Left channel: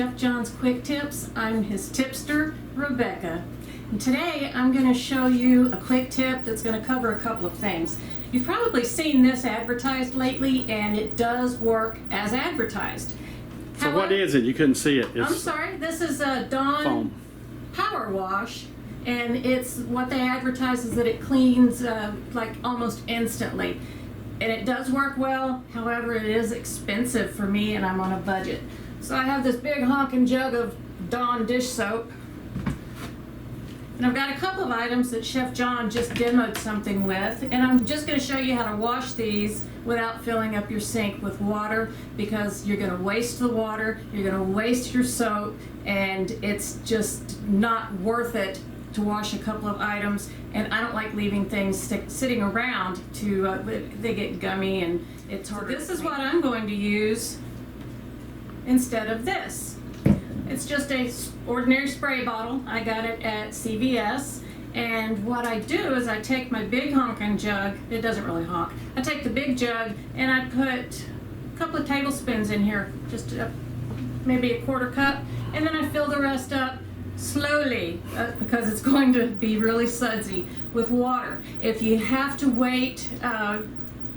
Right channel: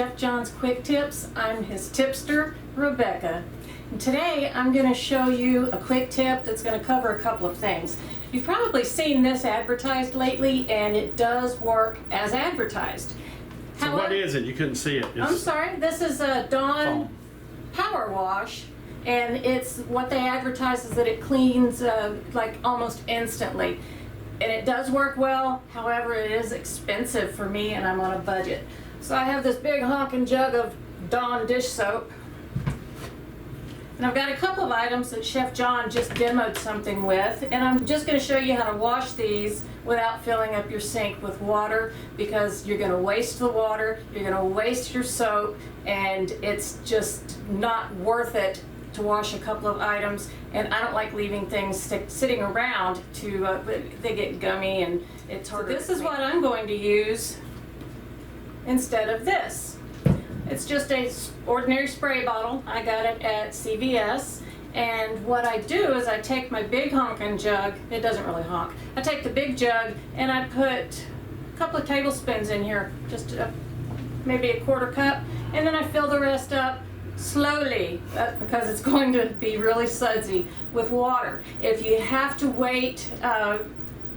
Chef John's Quick Tips. I'm his tipster, Rebecca. And today I'm going to show you a quick tip that's going to cover a couple of things. You've probably seen this advertised lately, and it does work as advertised. So what is it? You couldn't see it. I'm sorry, this is a Dawn Power Wash, and it's what they advertise is that it cleans like almost instantly. And it does work well, however it is expensive for me and I'm on a budget. So I have this big honking jug of Dawn dish soap. And I've got a couple of items that Chef John just demoed something with, and I'm just going to show you how to wash these without filling up your sink with water, because you're going to waste the water, you're going to waste your soap, and it's just not worth it to wash a couple of items. And I don't like leaving things sitting around to they get gummy and it's harder. So this is what I'm going to use instead of this. It's just a ordinary spray bottle. I got it at CVS, and what I do is I take my big honking jug. It doesn't really honk. I take the big jug and I put a couple of tablespoons in here, just maybe a quarter cup, and then I fill the rest up slowly because it's going to be really sudsy with water. If you have to wait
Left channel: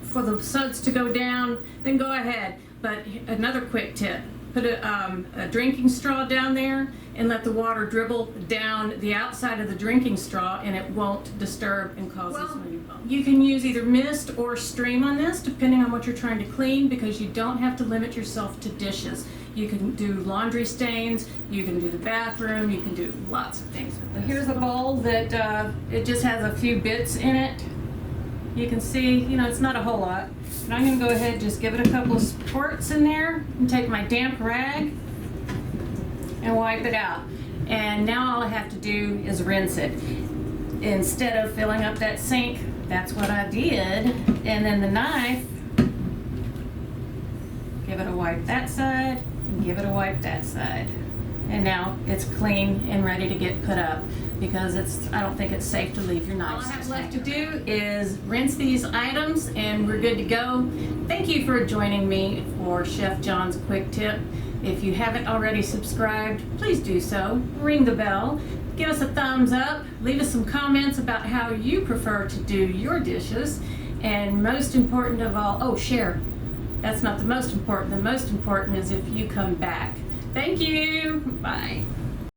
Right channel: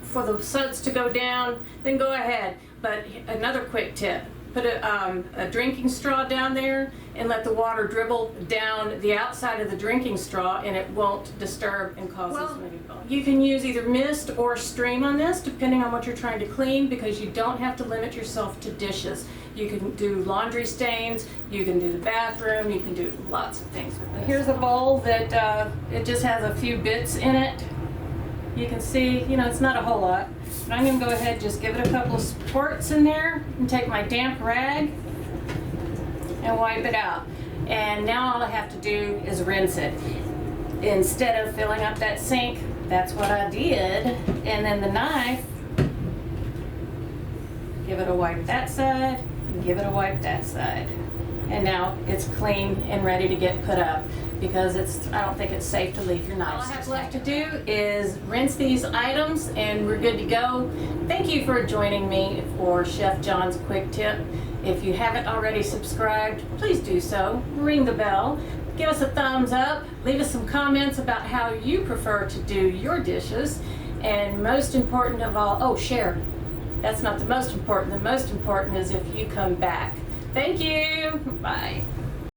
for the suds to go down, then go ahead. But another quick tip: put a drinking straw down there and let the water dribble down the outside of the drinking straw, and it won't disturb and cause this maybe bump. You can use either mist or stream on this depending on what you're trying to clean, because you don't have to limit yourself to dishes. You can do laundry stains, you can do the bathroom, you can do lots of things with this. Here's a bowl that it just has a few bits in it. You can see, it's not a whole lot. But I'm going to go ahead and just give it a couple of squirts in there and take my damp rag and wipe it out. And now all I have to do is rinse it. Instead of filling up that sink, that's what I did. And then the knife, give it a wipe that side and give it a wipe that side. And now it's clean and ready to get put up, because I don't think it's safe to leave your knives. All I have left to do is rinse these items and we're good to go. Thank you for joining me for Chef John's Quick Tip. If you haven't already subscribed, please do so. Ring the bell. Give us a thumbs up. Leave us some comments about how you prefer to do your dishes. And most important of all, share. That's not the most important. The most important is if you come back. Thank you. Bye.